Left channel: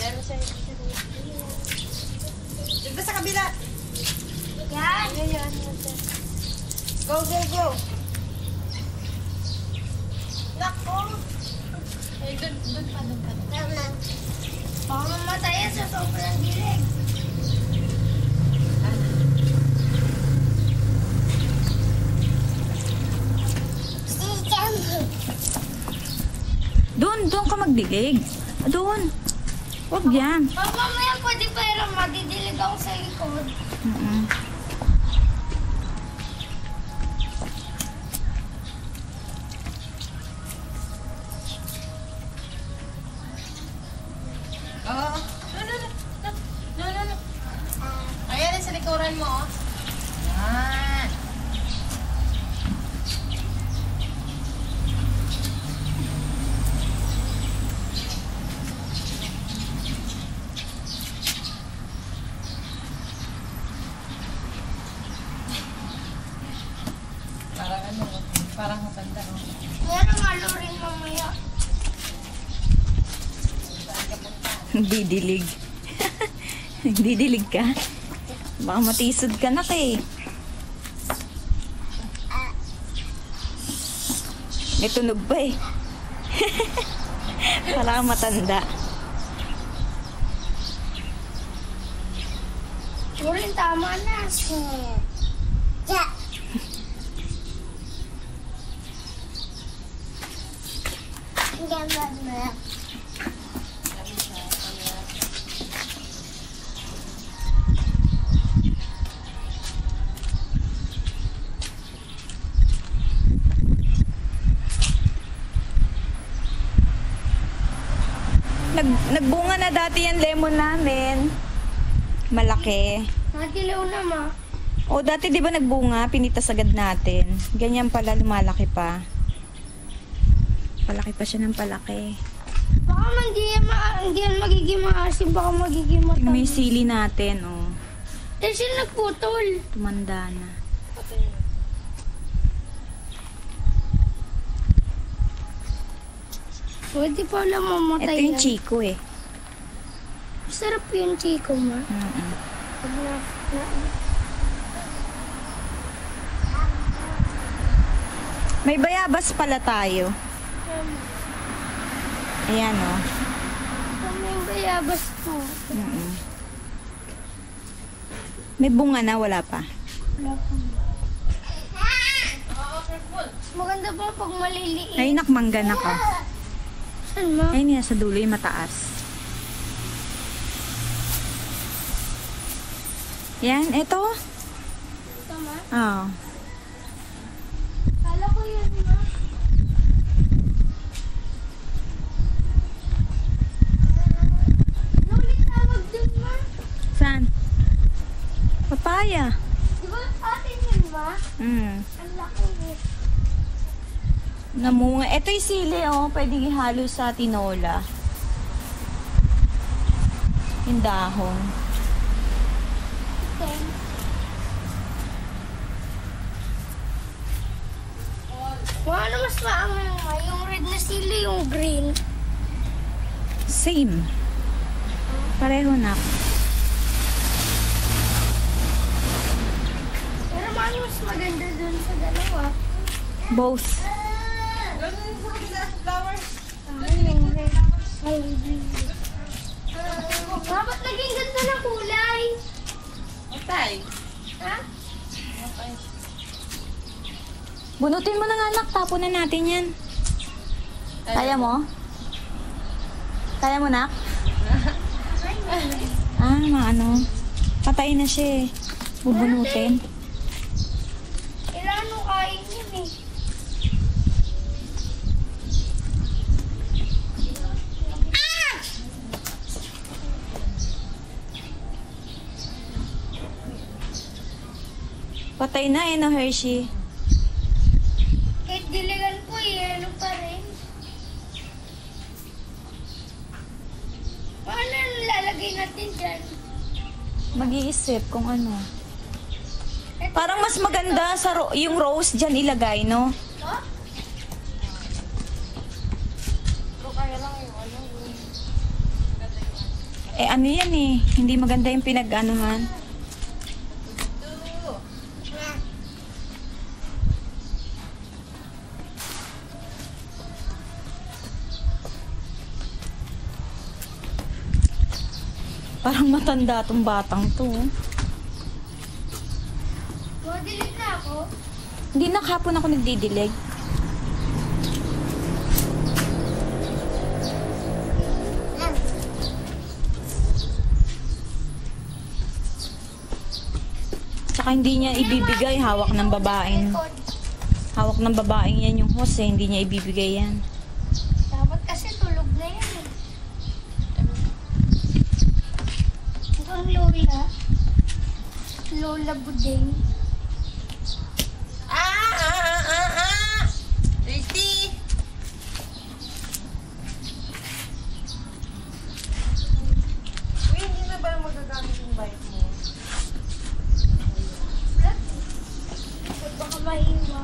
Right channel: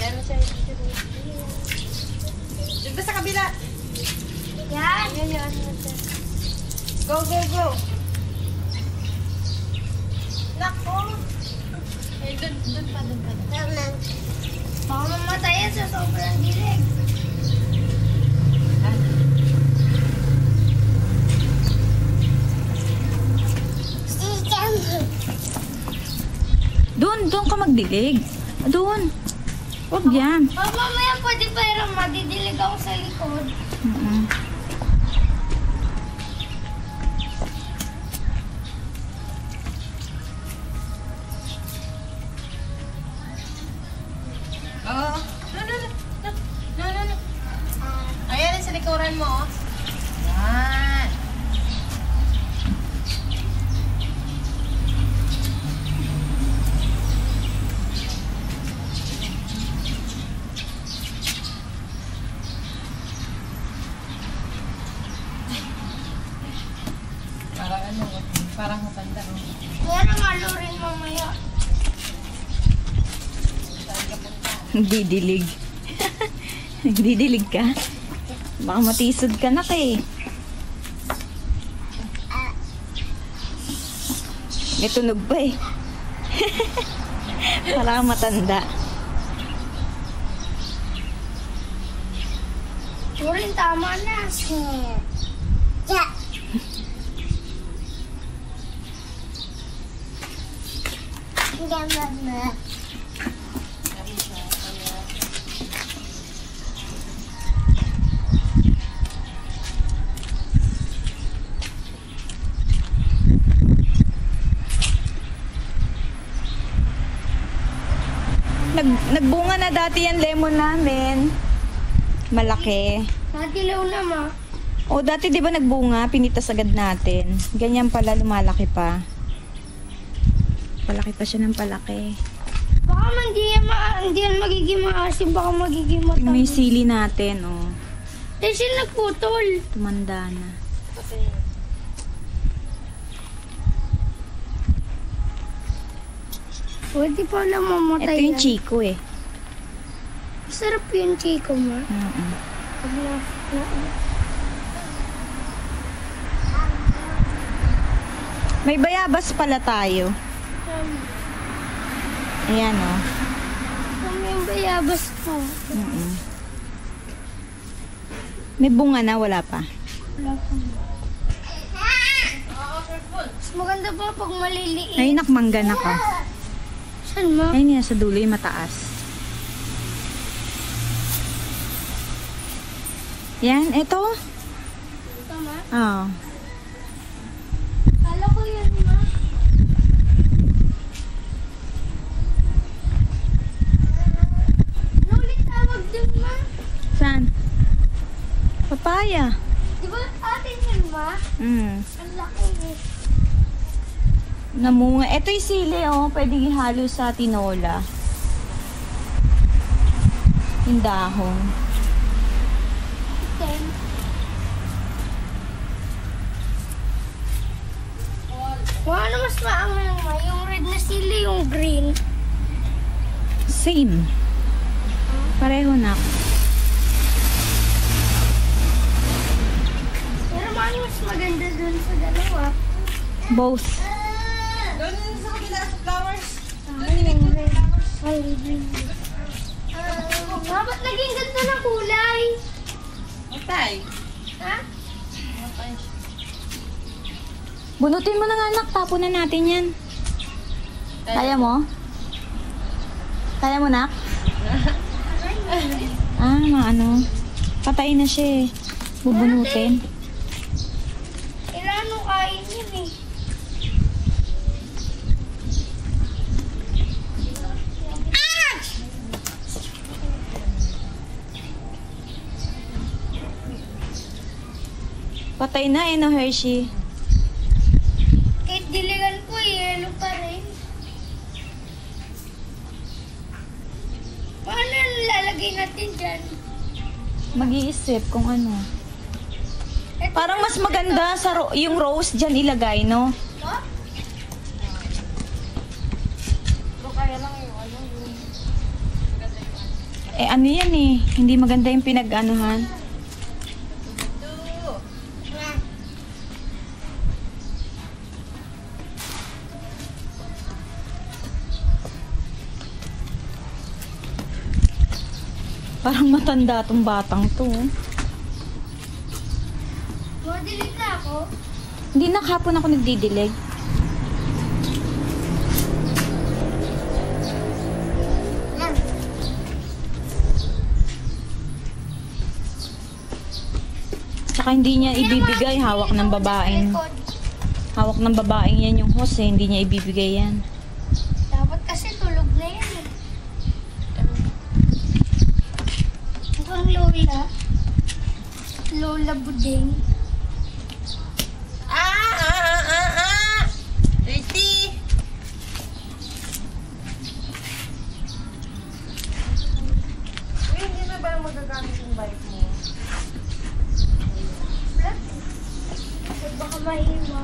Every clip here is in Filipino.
Meron siya. Dito sa kabila. Yan. Yan. Go, go, go. Nako. Eh, doon pa. Naman. Baka mamatay yan sa sobrang dilig. Doon ka magdilig. Doon. Huwag yan. Mamaya pwede pero madidilig ako sa likod. Oo. No. Ayan, sa likuran mo. Yan. Parang matanda. Pero malo rin mamaya. Didilig. Didilig ka? Baka matisod ka na kay. May tunog pa eh. Parang matanda. Turin, tama na. Yeah. Ganda. Nagbunga na dati yan lemon namin. Malaki. Nadilaw na ma. O dati di ba nagbunga, pinitas agad natin. Ganyan pala, lumalaki pa. Palaki pa siya ng palaki. Baka hindi yan magiging maasim, baka magiging matang. May sili natin, oh. Kasi nagputol. Tumanda na. Pwede pa lang mamatay. Ito yung Chico eh. Sarap yung Chico ma. Pag May bayabas pala tayo. Ayan, oh. May bayabas po. May bunga na, wala pa. Wala pa. Mas maganda pa pag maliliit. Ay, nakmangga na ka. Saan ma? Ayun yan, sa dulo yung mataas. Yan, ito. Ito ma? Oo. Kala ko yan ma. Ano ulit tawag dun ma? Saan? Papaya. Di ba atin yun ma? Ang laki eh. Namunga. Ito yung sili, oh. Pwede ihalo sa tinola. Yung dahon. Then, ano mas maangang ma? Yung red na sili, yung green. Same. Pareho na. Pero ano mas maganda dun sa dalawa? Both. Doon sa kabila sa flowers. Yung red. Ay, green. Ba't naging ganda na kulay? Matay. Ha? Matay. Bunutin mo na nga, anak. Tapon na natin yan. Kaya mo? Kaya mo, nak? Ano. Patay na siya eh. Bubunutin. Ilano kain yun eh. Patay na eh, no, Hershey. Kahit diligan ko, yelo pa rin. Paano lalagay natin dyan? Mag-iisip kung ano. Ito Parang mas maganda sa yung rose dyan ilagay, no? ito? Pero kaya lang yung ano yung ganda yung ano. Eh, ano yan eh. Hindi maganda yung pinag-anuhan. Parang matanda tong batang to. Madilig na ako. Hindi na kahapon ako nagdidilig. Yan. Tsaka hindi niya ibibigay. Hawak ng babaeng. Hawak ng babaeng yan yung hose eh. Hindi niya ibibigay yan. Dapat kasi tulog na yan eh. Mukhang Lola. Lola Budeng. Dirty! Uy, hindi na ba magagamit yung bike mo? Baka mahiwa.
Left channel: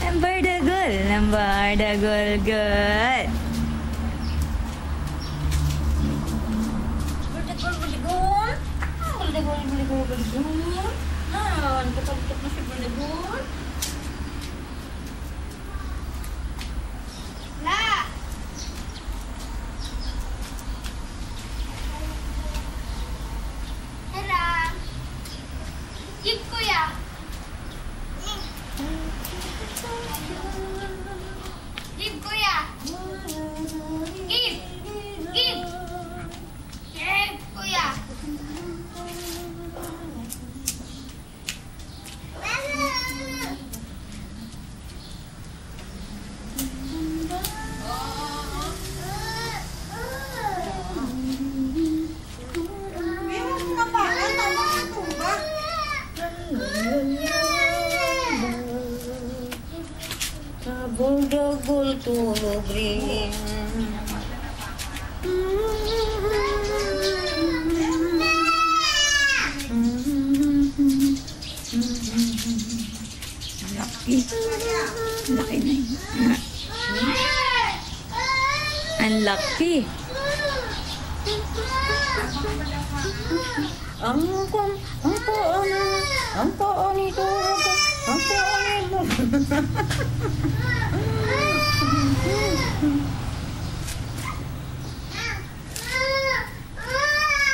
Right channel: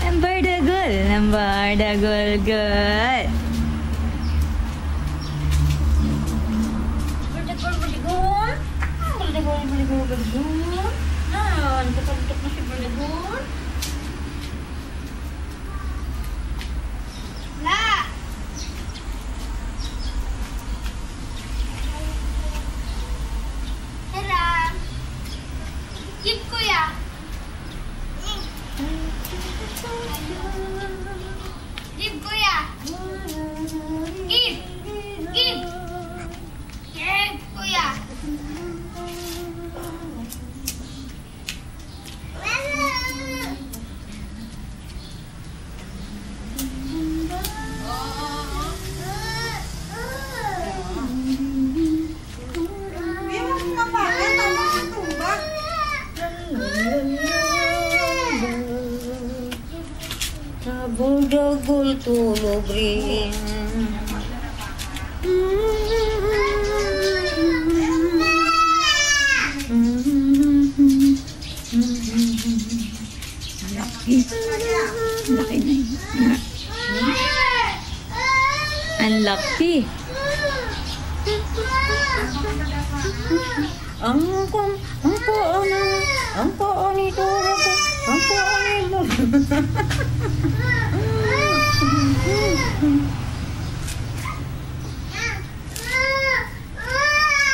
Number the good. Nakalutok na si Berdegun. La! Hera! Give kuya! Give kuya! Give! Give! Give kuya! Dagol tulog rin. Laki. Laki na yun. Ang laki. Ang pao nito. Ang pao nito.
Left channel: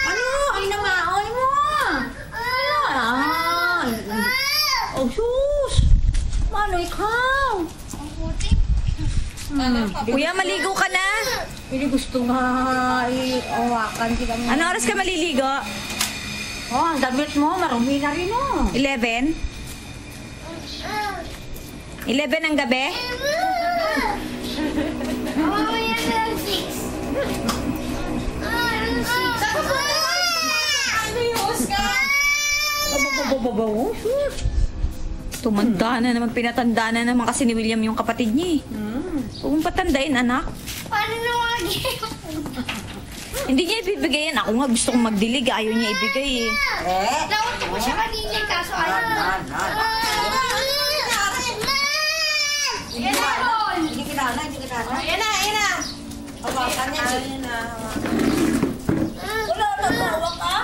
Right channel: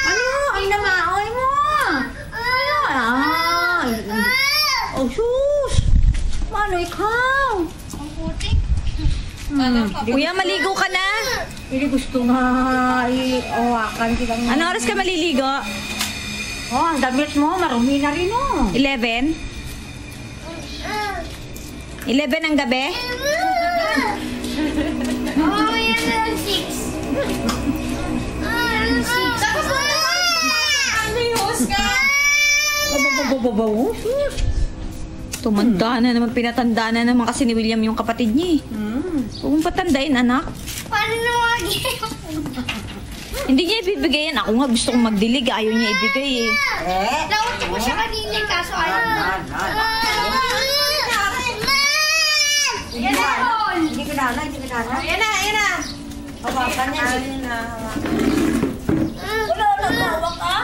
Ano? Ay namaoy mo. Ay. Oh, sus. Mano ikaw? Ang putik. Kuya, maligo ka na? Hindi gusto nga i-awakan sila. Anong oras ka maliligo? Oh, ang damit mo, marumi na rin oh. 11? 11 ang gabi? Oh, yan na ang 6. Ang 6. Tapos mo naman! Ayos ka! Bababababaw, sus. Tumanda na naman, pinatanda na naman kasi ni William yung kapatid niya eh. Huwag mong patandain, anak. Paano nawagi? Hindi niya ibibigay yan. Ako nga gusto kong magdilig. Ayaw niya ibigay eh. Nauto ko siya kanina kaso ayaw. Yan na, Paul! Hindi ka nana, hindi ka nana. Ayan na, ayan na! Hawakan niya. Ayan na, Wala, hawak ka.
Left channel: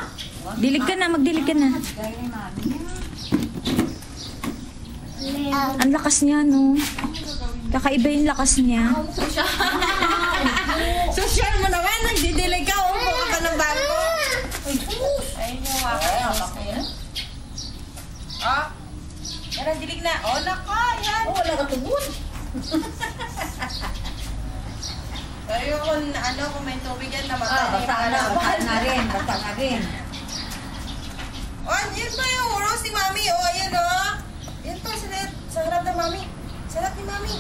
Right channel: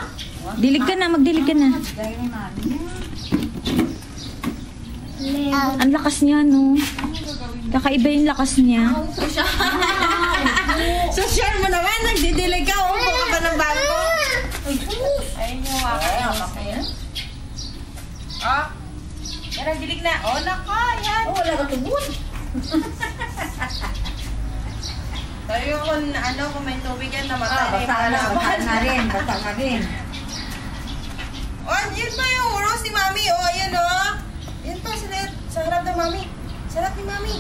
Dilig ka na, magdilig ka na. Gaya ni mami. Ang lakas niya, no? Kakaiba yung lakas niya. Social mo naman, nagdidilig ka. Umupo ka pa ng bangko. Ayun yung wakas. Ayan. Ah, yan ang dilig na. Oh, nako, yan. Oh, wala ka tubod. Tayo kung ano, kung may tubig yan, namatay na yung Basta mga na, basta laban. na rin, basta na rin. Oh, yun pa yung rose ni Mami. Oh, ayan oh. Yan pa, sa harap ng Mami. Sa harap ni Mami.